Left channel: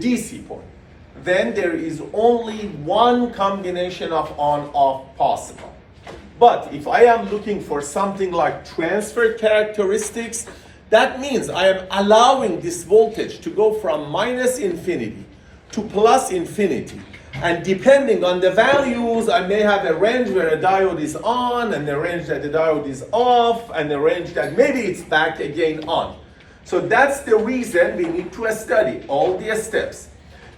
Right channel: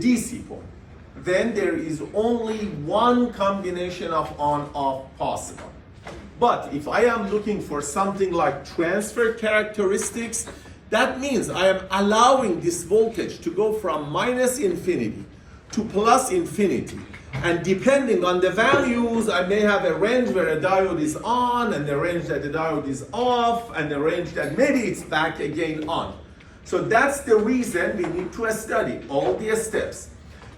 DC port, then there is only one combination of on-off possible. But if I am looking for something like transfer characteristics, that means I am allowing this voltage to go from minus infinity to plus infinity. And depending on the values, I may have a range where a diode is on, and a range that the diode is off, and a range that maybe it's back again on. So that's the reason we need to study all the steps.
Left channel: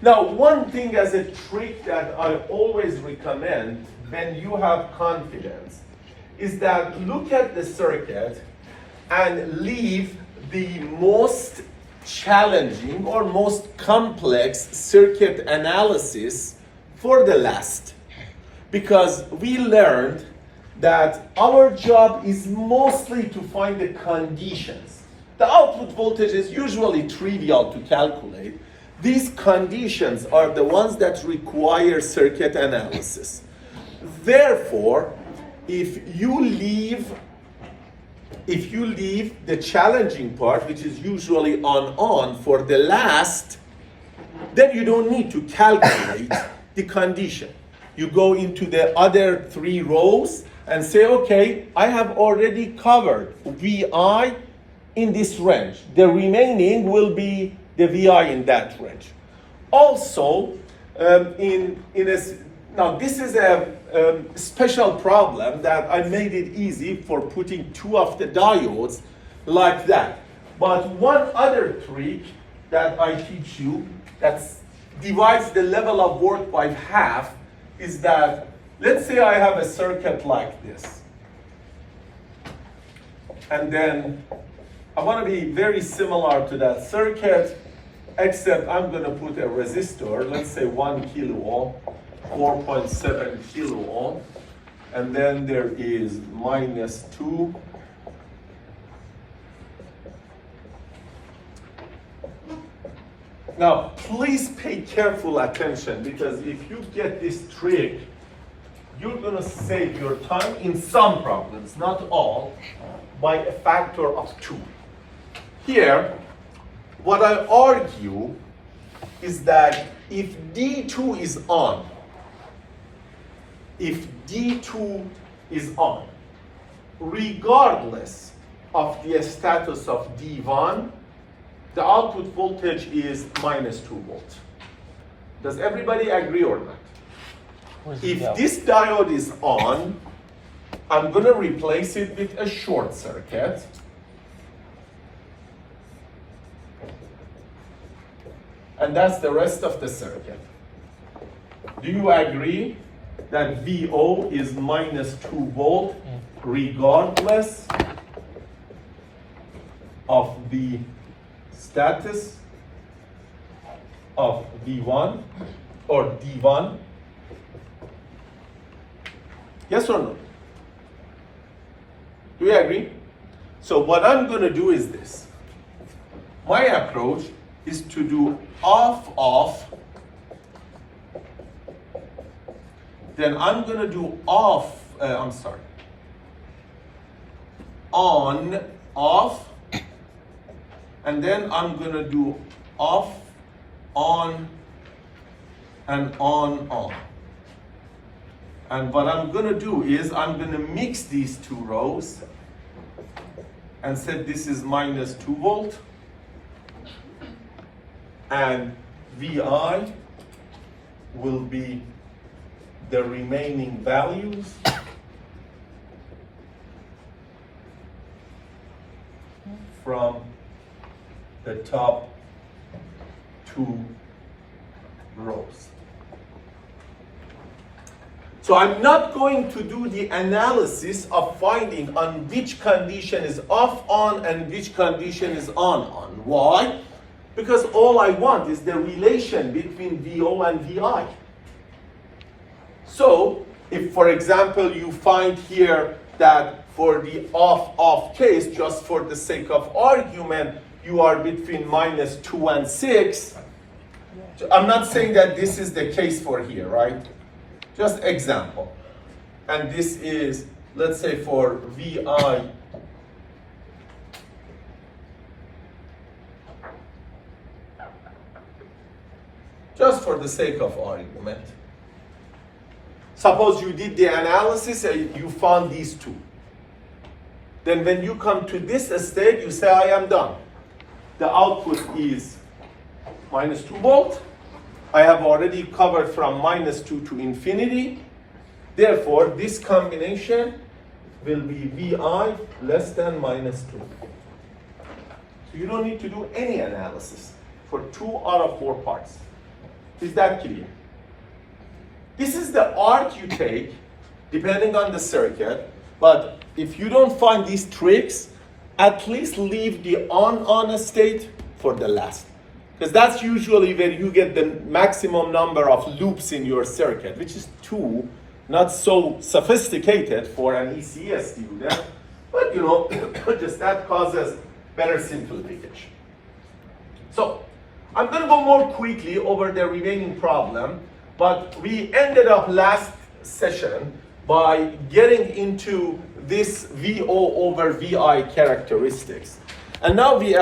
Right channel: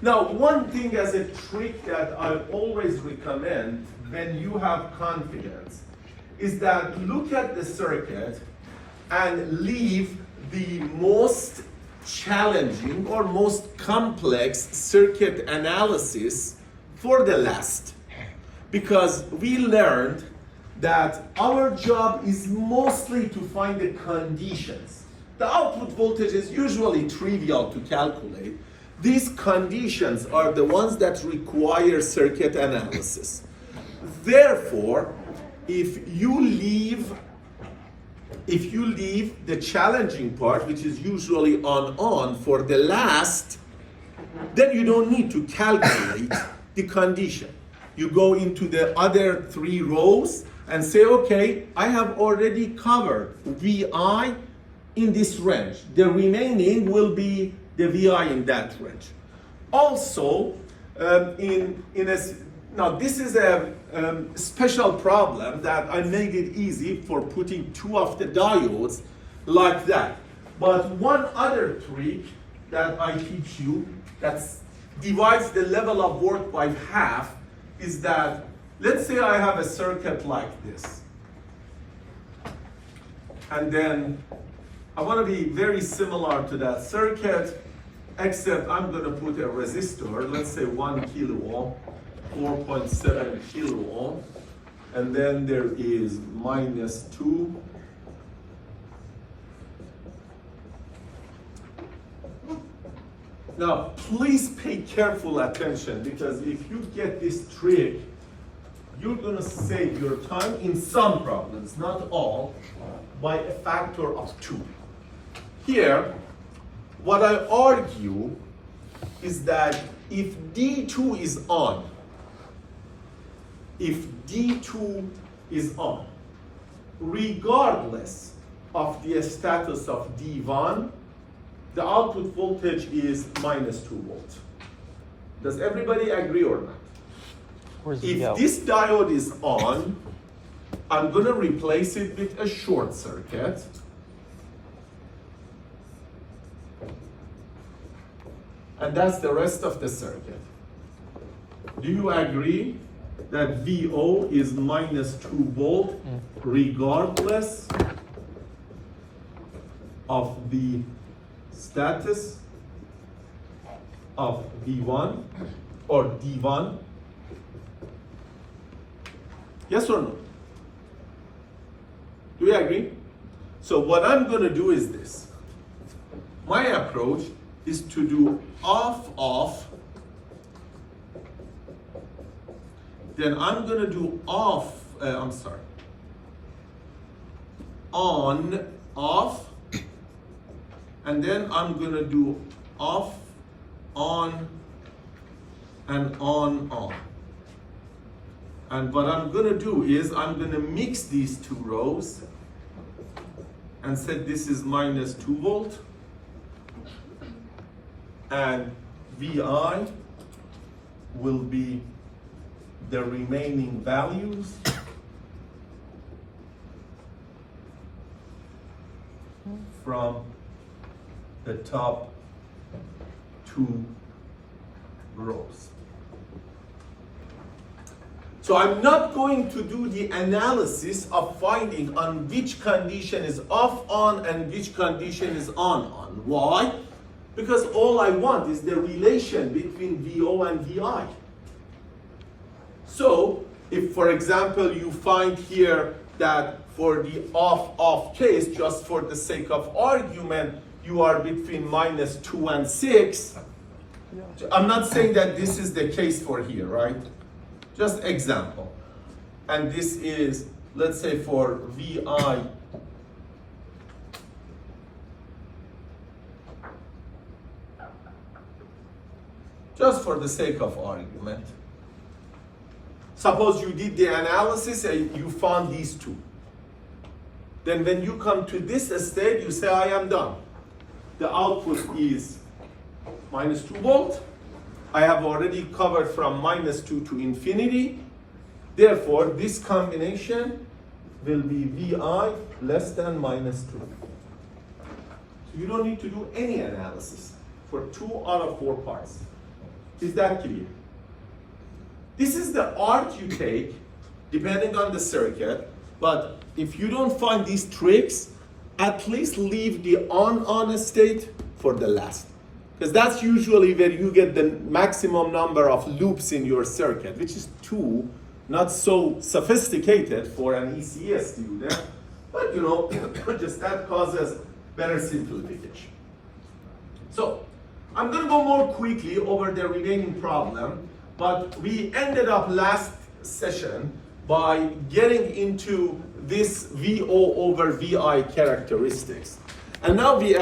Now, one thing as a trick that I always recommend when you have confidence is that look at the circuit and leave the most challenging or most complex circuit analysis for the last. Because we learned that our job is mostly to find the conditions. The output voltage is usually trivial to calculate. These conditions are the ones that require circuit analysis. Therefore, if you leave the challenging part, which is usually on for the last, then you don't need to calculate the condition. You go into the other 3 rows and say, okay, I have already covered VI in this range. The remaining will be the VI in that range. Also, now this is a special problem that I made it easy for putting 2 of the diodes like that. But one other trick that I teach you that divides the level of work by half is that, let's say I have a circuit like this. And then I want to be very similar to that circuit, except I'm going to put a resistor, let's say 1 kilo ohm, 4.7 kilo ohm, and then there is -2. Now, please pay careful attention, because if you get this trick, you're going to save your time in some problems, not all, by a factor of 2. Here, what I argue is that if D2 is on, regardless of the status of D1, the output voltage is -2 volts. Does everybody agree or not? If this diode is on, I'm going to replace it with a short circuit. And that's the rest of the circuit. Do you agree that VO is -2 volt regardless of the status of V1 or D1? Yes or no? Do you agree? So what I'm going to do is this. My approach is to do off, then I'm going to do on, off, and then I'm going to do off, on, and on. And what I'm going to do is I'm going to mix these 2 rows and say this is -2 volt, and VI will be the remaining values from the top 2 rows. So I'm not going to do the analysis of finding on which condition is off on and which condition is on. Why? Because all I want is the relation between VO and VI. So if, for example, you find here that for the off case, just for the sake of argument, you are between -2 and 6. I'm not saying that this is the case for here, right? Just example. And this is, let's say, for VI just for the sake of argument. Suppose you did the analysis and you found these two. Then when you come to this state, you say, I am done. The output is minus 2 volt. I have already covered from minus 2 to infinity. Therefore, this combination will be VI less than minus 2. So you don't need to do any analysis for 2 out of 4 parts. Is that clear? This is the art you take depending on the circuit, but if you don't find these tricks, at least leave the on state for the last. Because that's usually where you get the maximum number of loops in your circuit, which is 2, not so sophisticated for an ECS student, but just that causes better simplification. So I'm going to go more quickly over the remaining problem, but we ended up last session by getting into this VO over VI characteristics. And now we